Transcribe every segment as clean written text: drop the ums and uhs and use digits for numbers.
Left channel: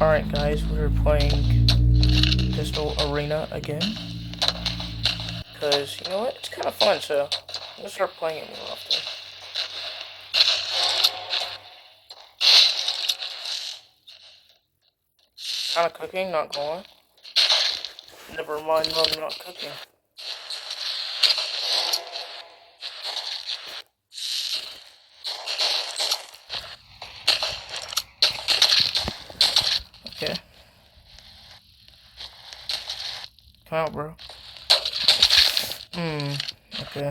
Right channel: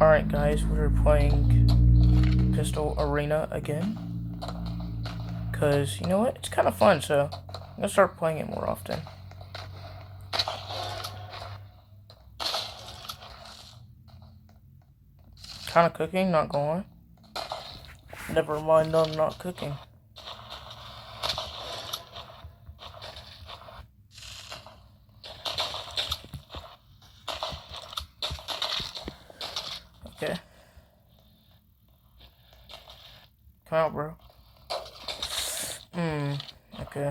Alright guys, we're playing Pistol Arena again. Because, you know what, it's kind of fun, so I'm going to start playing it more often. Kind of cooking, not going. Never mind, no, I'm not cooking. Okay. Come out, bro. Okay.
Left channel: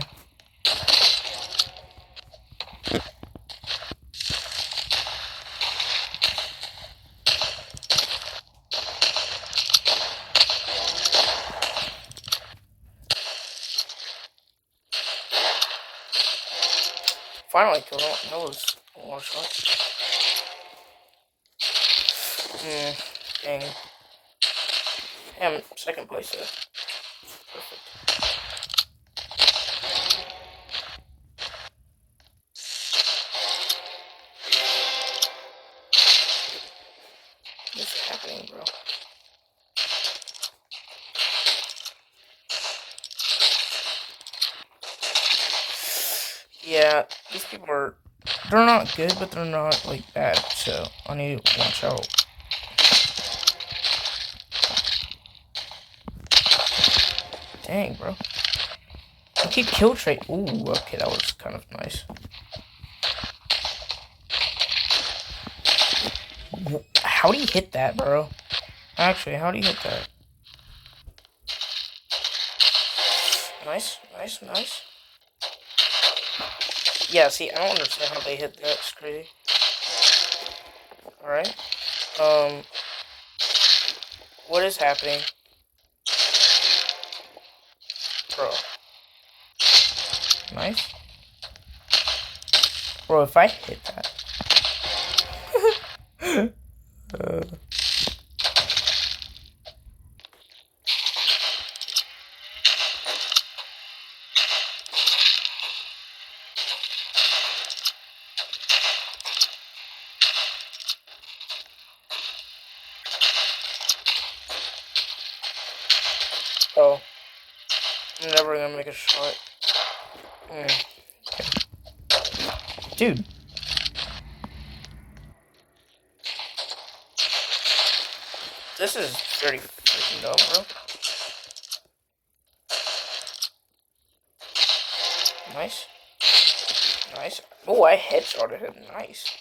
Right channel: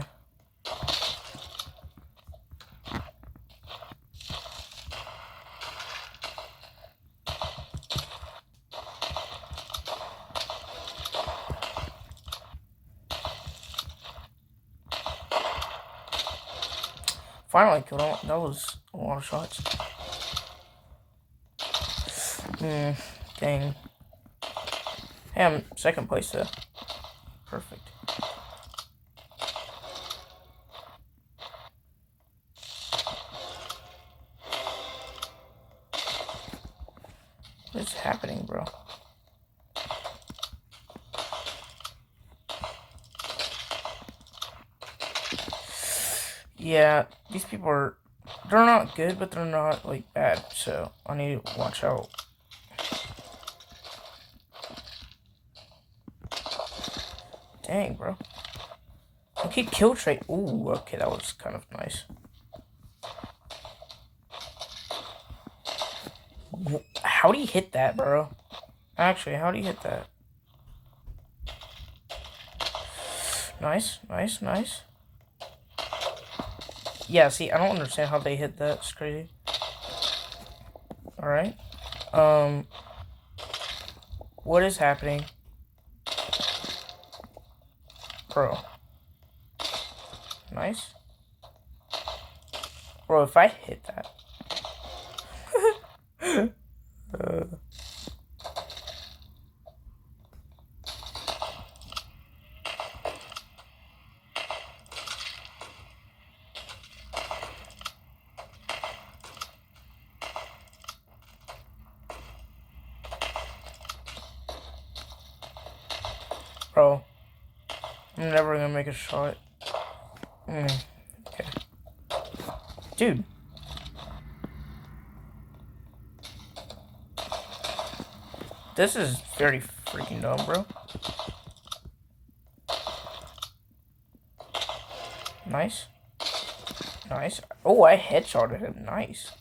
Finally killed him. That was a lot of shots. Dang. Hey, I'm second place though. Perfect. What's happening, bro? Yeah, these people are... They're not good, but they're not, like, bad. So, I need to watch out. Dang, bro. I keep kill trait. Ooh, okay, that was kind of nice. How do you hit that, bro? Actually, how do you hit that? Nice, nice, nice. Yeah, see, I don't understand how they hit that. It's crazy. Alright. What is happening? Bro. Nice. Bro, if I hit that... Bro. I'm never gonna make a shot. Okay. Dude. This is very freaking dumb, bro. Nice. Nice. Oh, I headshotted him. Nice.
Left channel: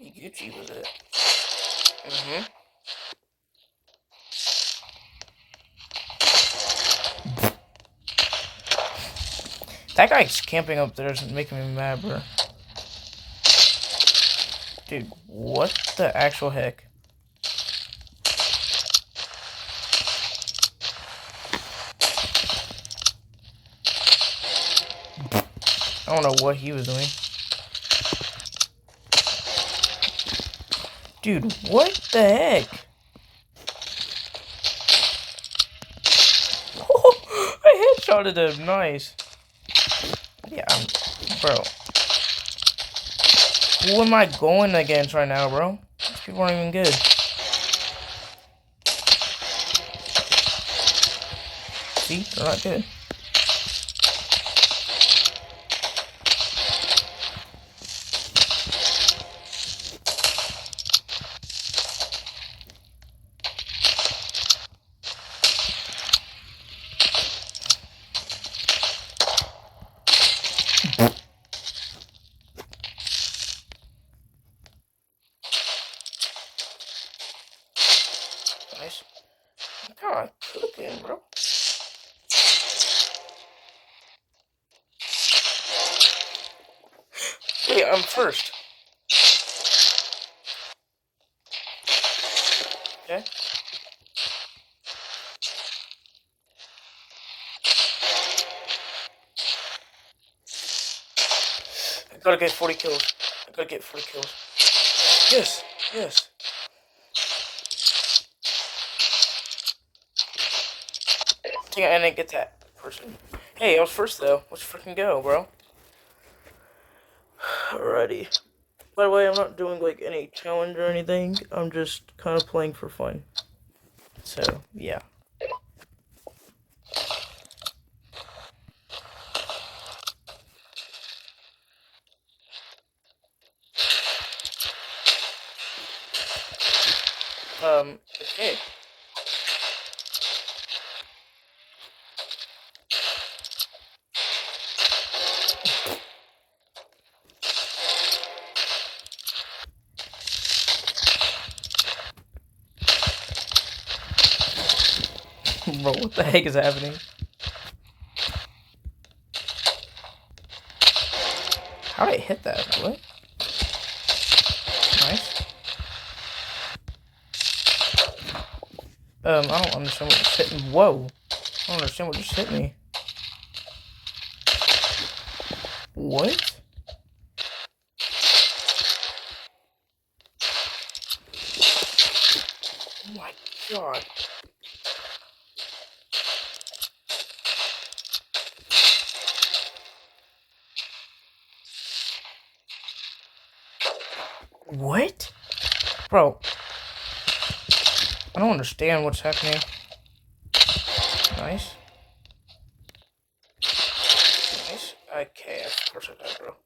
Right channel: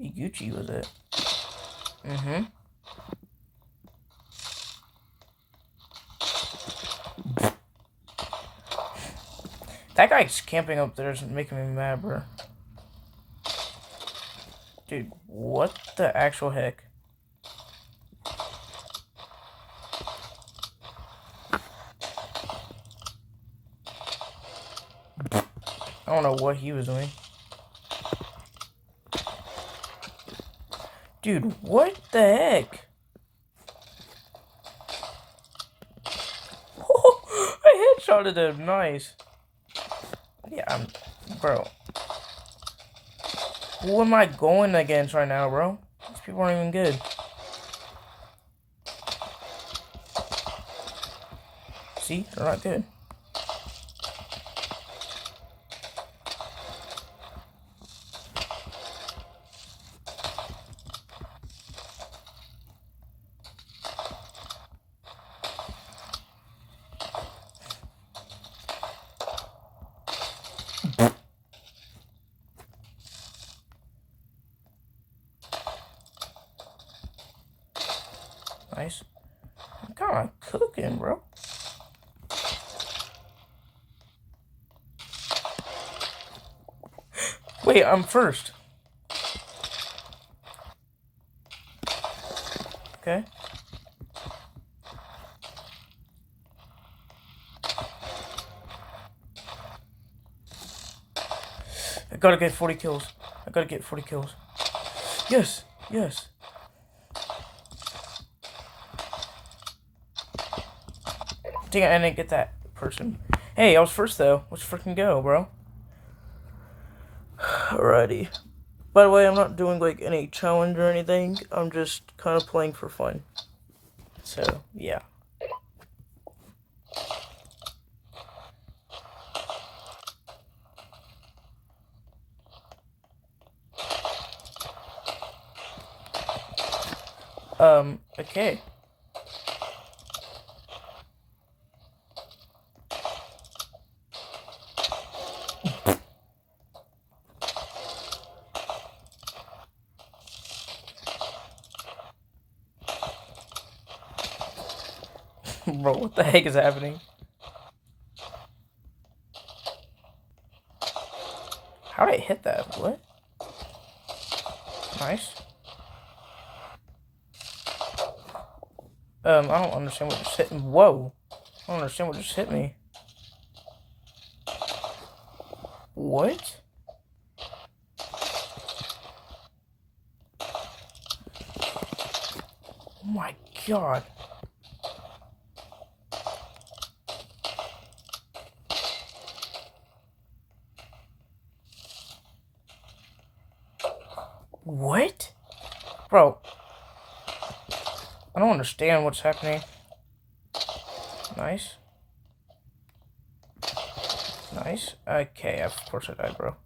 Gucci with it. That guy's camping up there is making me mad, bro. Dude, what the actual heck? I don't know what he was doing. Dude, what the heck? I headshotted him. Nice. Yeah, bro. Who am I going against right now, bro? These people aren't even good. See? They're not good. Nice. I'm kind of cooking, bro. Wait, I'm first. Okay. I gotta get 40 kills. I gotta get 40 kills. Yes, yes. Dang it, I didn't get that person. Hey, I was first though. Let's freaking go, bro. Alrighty. By the way, I'm not doing like any challenge or anything. I'm just kind of playing for fun. So, yeah. Okay. Bro, what the heck is happening? How did I hit that? What? Nice. I don't understand what just hit me. Whoa. I don't understand what just hit me. What? Oh my god. What? Bro. I don't understand what's happening. Nice. Nice. Okay, of course I died, bro.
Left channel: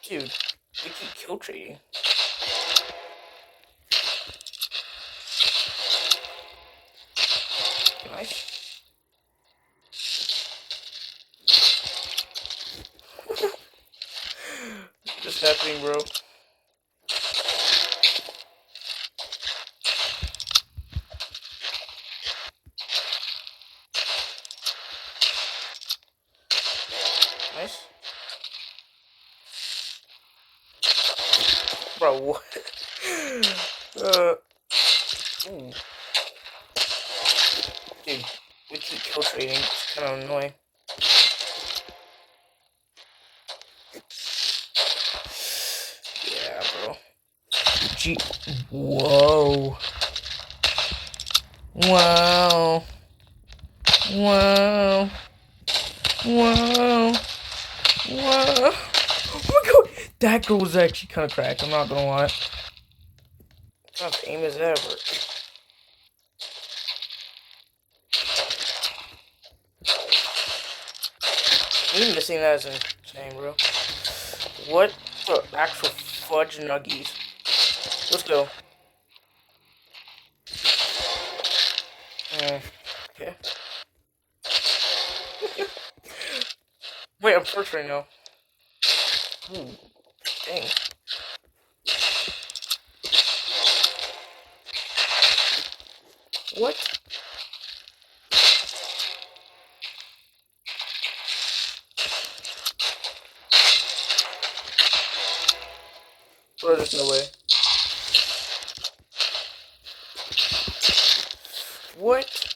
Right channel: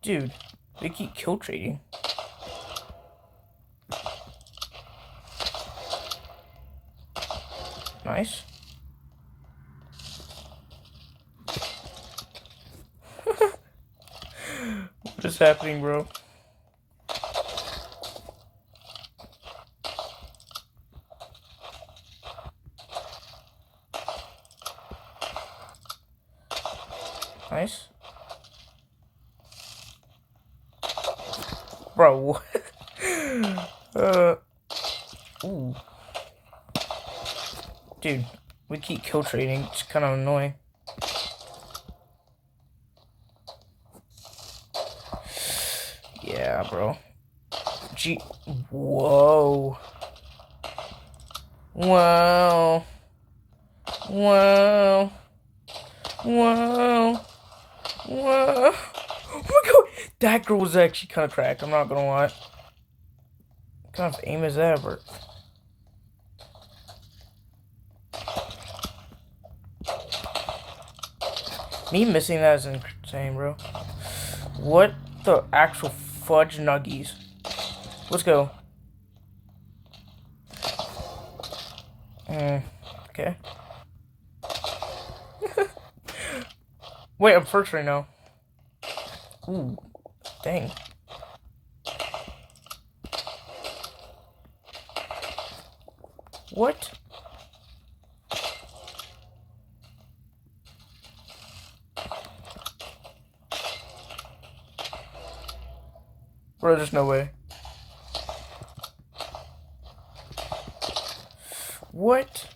Dude, they keep kill trading. Nice. What is happening, bro? Nice. Bro, what? Ooh. Dude, we keep kill trading. It's kind of annoying. Yeah, bro. Whoa. Wow. Wow. Wow. Wow. Oh my god. That girl was actually kind of cracked. I'm not gonna lie. What kind of aim is that, bro? Me missing that is insane, bro. What the actual fudge nuggies? Let's go. Okay. Wait, I'm first right now. Ooh, dang. What? Bro, there's no way. What?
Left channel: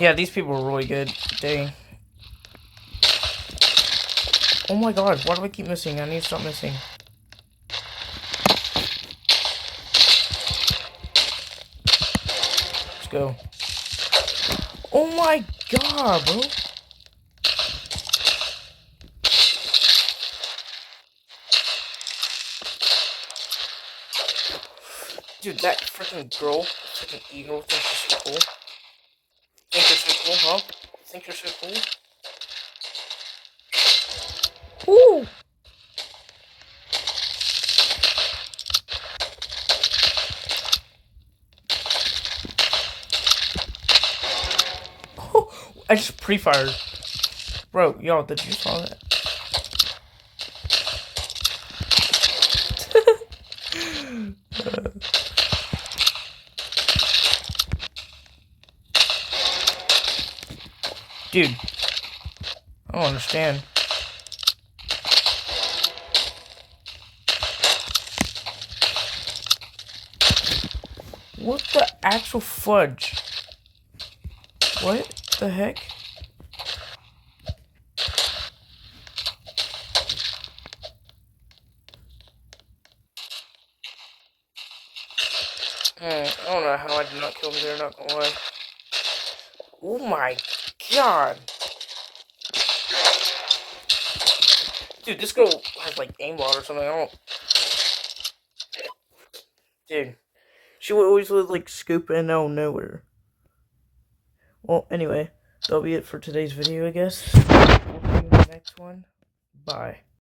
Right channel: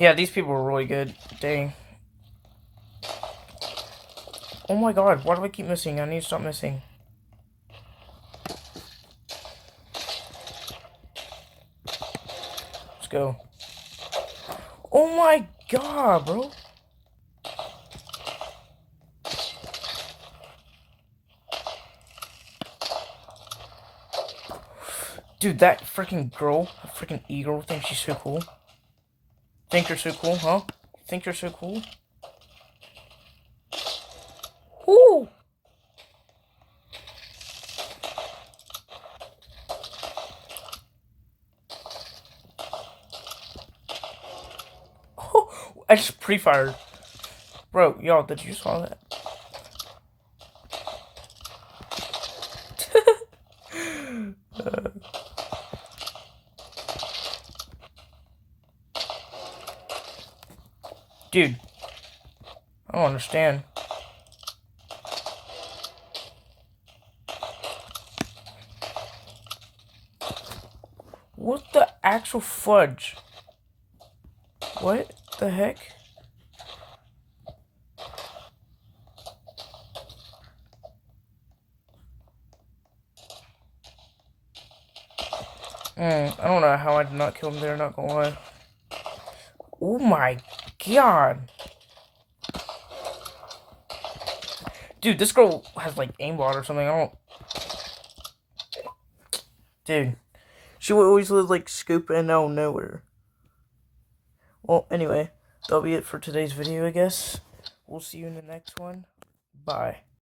Yeah, these people are really good. Dang. Oh my god, why do I keep missing? I need to stop missing. Let's go. Oh my god, bro. Dude, that freaking girl, freaking eagle, thinks she's so cool. Think you're so cool, huh? Think you're so cool? Woo! Oh, I just pre-fired. Bro, y'all, did you saw that? Dude, I don't understand. What the actual fudge? What the heck? I don't know how I did not kill him there, not gonna lie. Oh my god. Dude, this girl has like aimbot or something. I don't. Dude. She would always like scoop in out of nowhere. Well, anyway, that'll be it for today's video, I guess. We'll see you in the next one. Bye.